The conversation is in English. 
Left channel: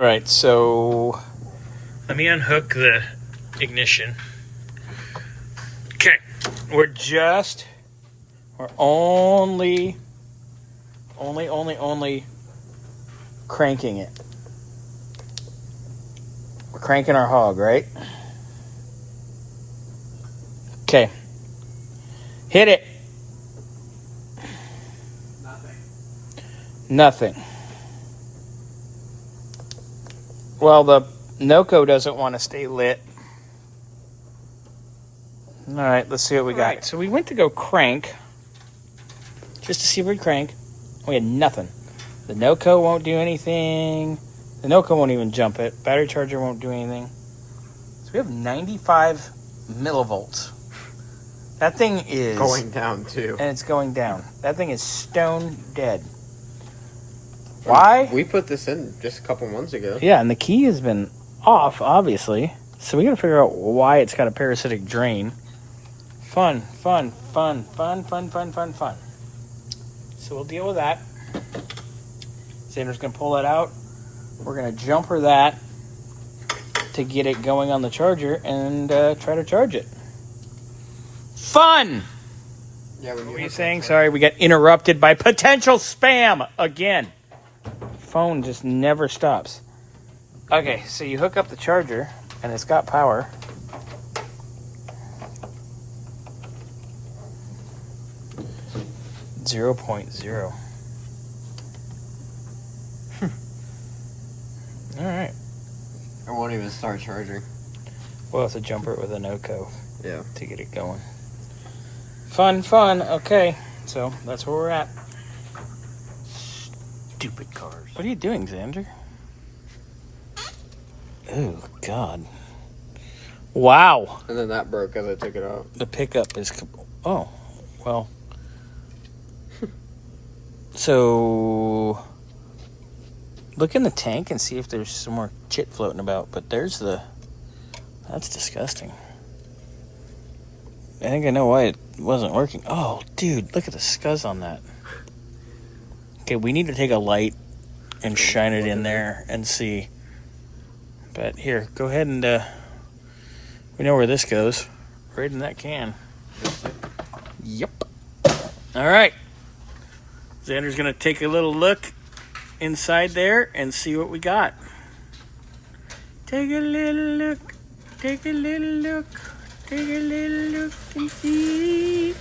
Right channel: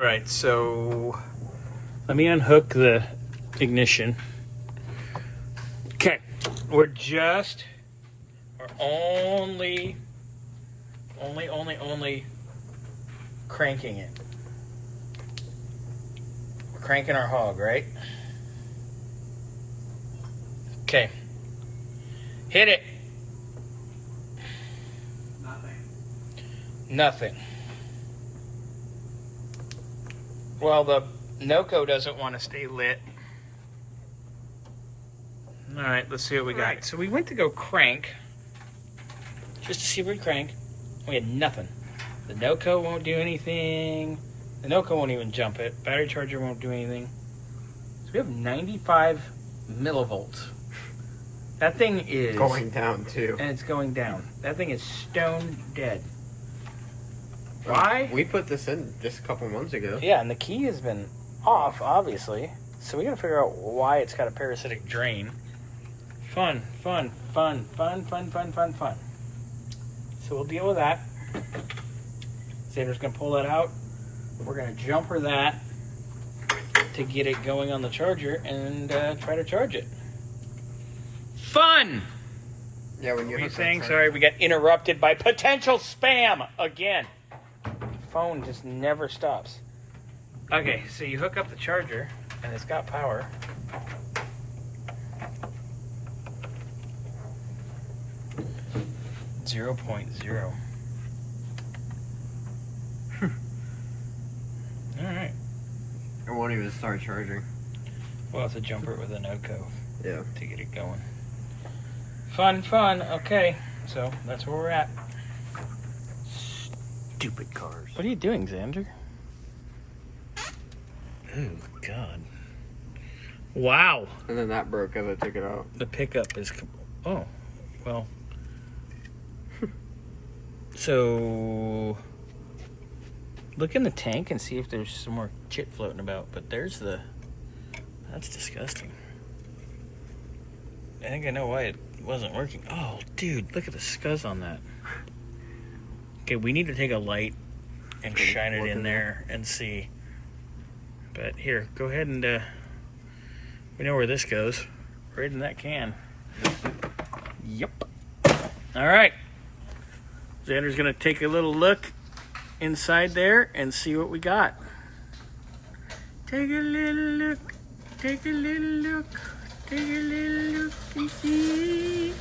All right, so let me unhook the ignition. Okay, we're only cranking it. We're cranking our hog, right? Okay. Hit it. Nothing. Well, the NOCO doesn't want to stay lit. All right, let's see what we got. Right, so we went to go crank, just to see if we crank. We had nothing. The NOCO won't do anything. The NOCO won't even jump it. Battery charger won't do anything. So we have 95 millivolts. That thing is going down too. And it's going down. That thing is stone dead. Why? We put this in just a couple months ago. Yeah, and the key has been off, obviously. So we got to figure out why it's got a parasitic drain. Fun. So we'll deal with that. Xander's going to pull it out. We're going to jumper that to get it going on the charger and try to charge it. Fun! Yeah, when what are you saying? Sorry, we got interrupted by potential spam again. Phone just never stops. Okay, so you hook up the charger and it's got power. Zero point zero. All right. It won't even start charging. We'll have to jumper it with a NOCO. Yeah. To get it going. Fun. Okay, so that's where we're at. Stupid cars. What are you doing, Xander? Oh, God. Wow. And then that broke as I took it out. The pickup is... Oh, well. So, look in the tank and see if there's some more chit floating about. But there's the... That's disgusting. I think I know why it wasn't working. Oh, dude, look at the scuzz on that. Okay, we need to take a light and shine it in there and see. But here, go ahead and we know where this goes. Right in that can. Yep. All right. Xander's going to take a little look inside there and see what we got. Take a little look. Take a little look. Take a little look and see.